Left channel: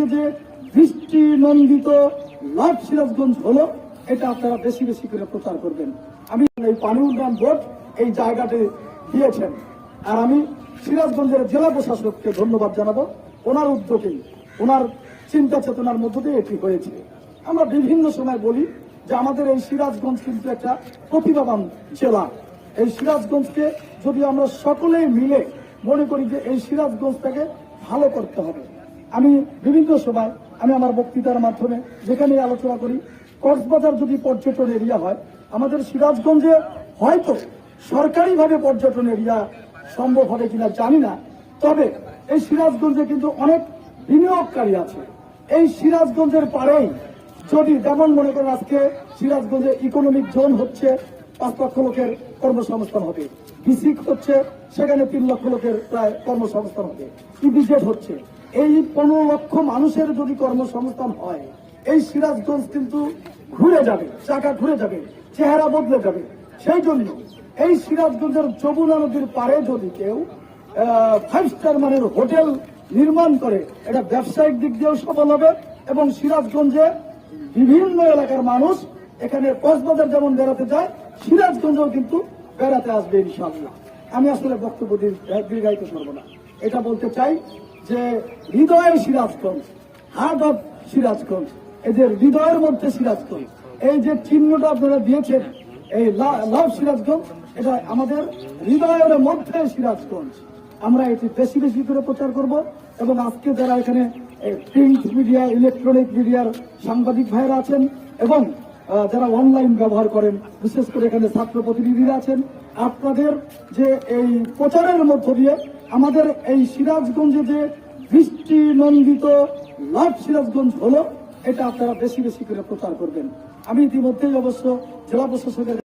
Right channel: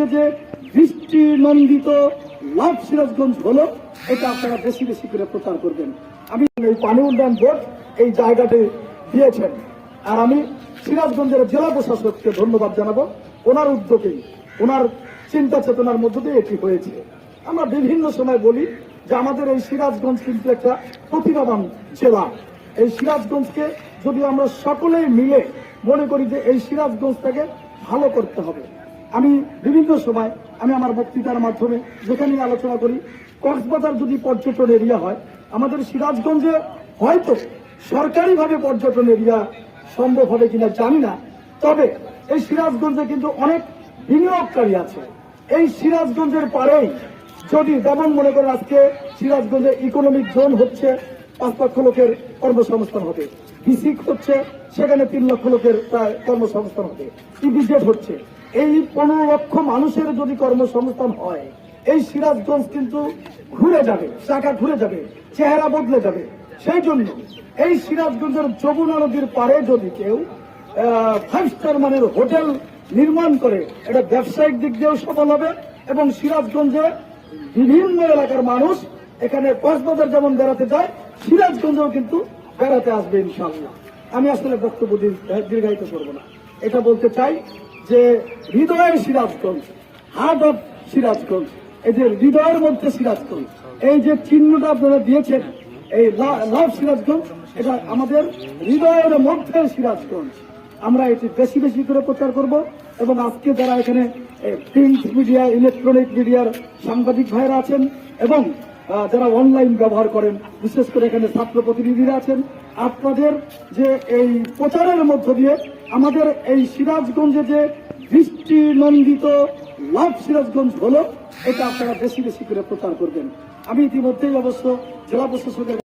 সিরাজগঞ্জে যে বৃষ্টি নন্দিত লাভ সিরাজগঞ্জ হলো, এটা আপনারা বেশি বেশি করে প্রচার করবেন। আমি এই পানি উন্নয়ন বোর্ড এই জায়গাটি দিয়েছেন, আর আমি সিরাজগঞ্জের জেলা প্রশাসককে ধন্যবাদ জানাবো। ওনার উদ্যোগেই, ওনার চিন্তা চেতনার মধ্য দিয়ে এটি হয়েছে। আমরা বিভিন্ন সময় বলি যে আমাদের এই সিরাজগঞ্জ কিন্তু একটা প্রতিভাবান জেলা। এই সিরাজগঞ্জকে যদি আমরা সকলেই মিলে মনে করি যে এই সিরাজগঞ্জটাকে ভালো করতে হবে। আমি বিভিন্ন সময় আমি আমার বক্তৃতার মাধ্যমে যেখানে আলোচনা করি, কক্সবাজার যদি পর্যটন এরিয়া হয়, আমাদের সিরাজগঞ্জে হয়তো সরকারিভাবে পর্যটন এরিয়া সম্ভব হবে কিনা জানি না, তবে এই সিরাজগঞ্জে কিন্তু অনেক বিনিয়োগকারী আছে। এই সিরাজগঞ্জের পারেই যদি যেমন মনে করেন আজকে সিরাজগঞ্জে ইকোনমিক জোন হচ্ছে, 5 লক্ষ লোকের কর্মসংস্থান হবে। বিসিক হচ্ছে, সেখানে 3 লক্ষ লোকের প্রায় কর্মসংস্থান হবে। ইপিজেড হচ্ছে, এই 15 লক্ষ মানুষের যদি কর্মসংস্থান হয়, এই সিরাজগঞ্জ কিন্তু ঘুরে যাবে, চাকা ঘুরে যাবে, চেহারা বদলে যাবে। সেই জন্য এই সিরাজগঞ্জের যমুনা নদীর পারে যদি কেউ 5 স্টার মানের হোটেল নির্মাণ করে, এটা ব্যবসায়িক দিক দিয়েও সফল হবে এবং সিরাজগঞ্জে বিভিন্ন এলাকার মানুষ এখানে কক্সবাজার যেমন বেড়াতে যায়, সিরাজগঞ্জেও কিন্তু বেড়াতে আসবে ইনশাআল্লাহ। আমি আসলে বক্তব্য দীর্ঘায়িত করব না, এটা বলতে চাই যে হৃদয়ের সিরাজগঞ্জ, হার্ট অফ সিরাজগঞ্জ, এদের হৃদয়ের মধ্যে সিরাজগঞ্জ, এই যে চিহ্নটা আপনারা দিয়েছেন, এই লাভ সিরাজগঞ্জ, এটা আমাদের হৃদয়ের মধ্যে সিরাজগঞ্জ। আমরা এটি বেশি বেশি করে প্রচার করব এবং আজকে যারা এখানে প্রিন্ট মিডিয়া, ইলেকট্রনিক মিডিয়ার সাংবাদিক ভাইয়েরা আছেন এবং যারা অনলাইন ব্যবহার করেন, বিশেষ করে এখানে ছাত্র প্রতিনিধিরা আছেন, আপনাদের যে এই প্রচারের মধ্য দিয়ে আমাদের এই সিরাজগঞ্জে যে বৃষ্টি নন্দিত লাভ সিরাজগঞ্জ হলো, এটা আপনারা বেশি বেশি করে প্রচার করবেন। আমি ইতিমধ্যেই অবশ্য জেলা প্রশাসকের